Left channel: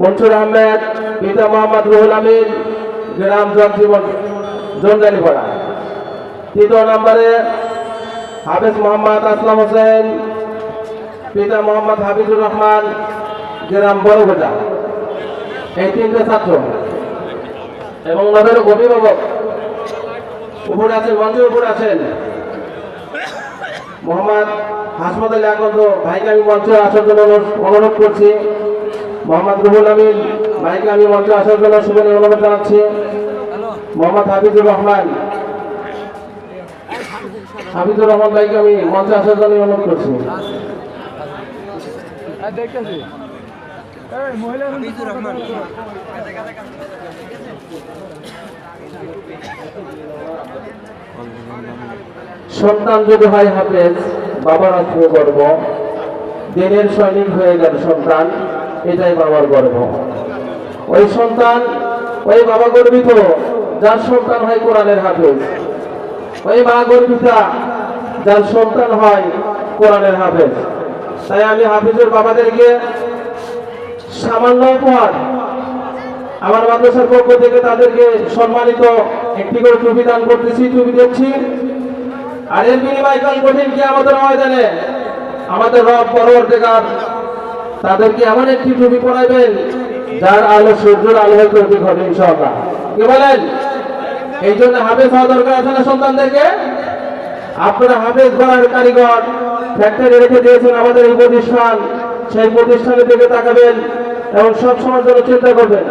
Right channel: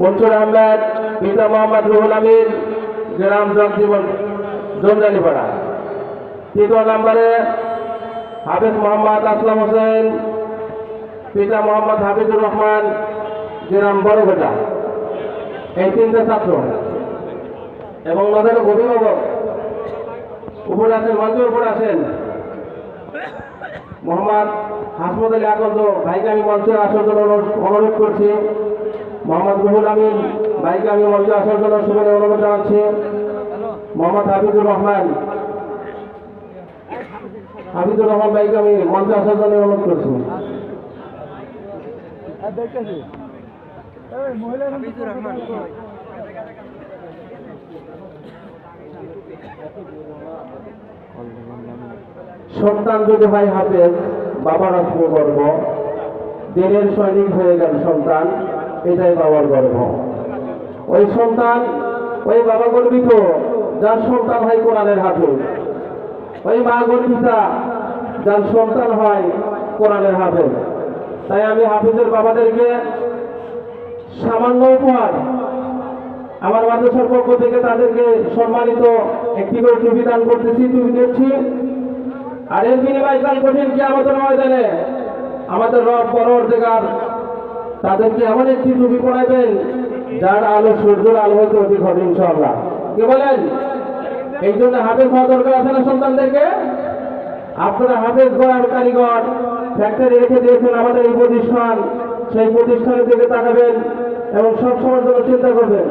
মনসুর আহমেদ, পিতা মোহাম্মদ রুহুল আমিন, গ্রাম জগজীবন জঞ্জালিপাড়া। তৃতীয় নম্বরে হাফেজ মোহাম্মদ আসলাম হোসেন, পিতা মোহাম্মদ হাফিজুর রহমান, গ্রাম বড়গোটা। এই তিনটে ছাত্র এবং ওদের অভিভাবক উপরে আছেন, মঞ্চের উপরে আছেন। মোহাম্মদ হাসমত আলী আকন্দ ভাইকে আমি মঞ্চে আসার জন্য অনুরোধ করছি। মোহাম্মদ রুহুল আমিন ভাইকে আমি মঞ্চে আসার জন্য শুভেচ্ছা অনুরোধ জানাচ্ছি। মোহাম্মদ হাফিজুর রহমান ভাইকে আমি মঞ্চে আসার জন্য অনুরোধ করছি। সন্তান যদি হয় হাফেজ, বাবার আসবে গর্ব। দিনের সৈনিক হয়ে গেল সন্তান, এটাই বাবার গর্ব। ওই সন্তান, ওই বাবা গর্বিত যার সন্তান হয় কোরআনের হাফেজ। ওই মা গর্বিতা যার সন্তান হয় কোরআনের হাফেজ। তাই আমি হাফেজের বাবাদেরকে সামান্য উপহার আমার মাদ্রাসার পক্ষ থেকে তাদেরকে সম্মানিত একটি করে টুপি দান করতেছি, টুপি দিচ্ছি। আর এর বিনিময় কাল কঠিন কিয়ামতের ময়দানে আমাদের রব পরবর্তীকার তাদেরকে এমন একটি টুপি পরাইবেন যার আলো সূর্যের আলো হয়ে প্রতীক হবে ইনশাআল্লাহ। কি বলেন? এই জন্য হাফেজ হওয়া দরকার আছে না সন্তানদেরকে? আপনারা হাফেজ গড়ার কারিগর ফ্যাক্টরি রেখে দিয়েছেন আমাদের এই প্রতিষ্ঠান, সেই প্রতিষ্ঠানের দিকে তাকাবেন এবং সবসময় জন্য চিন্তা করবেন।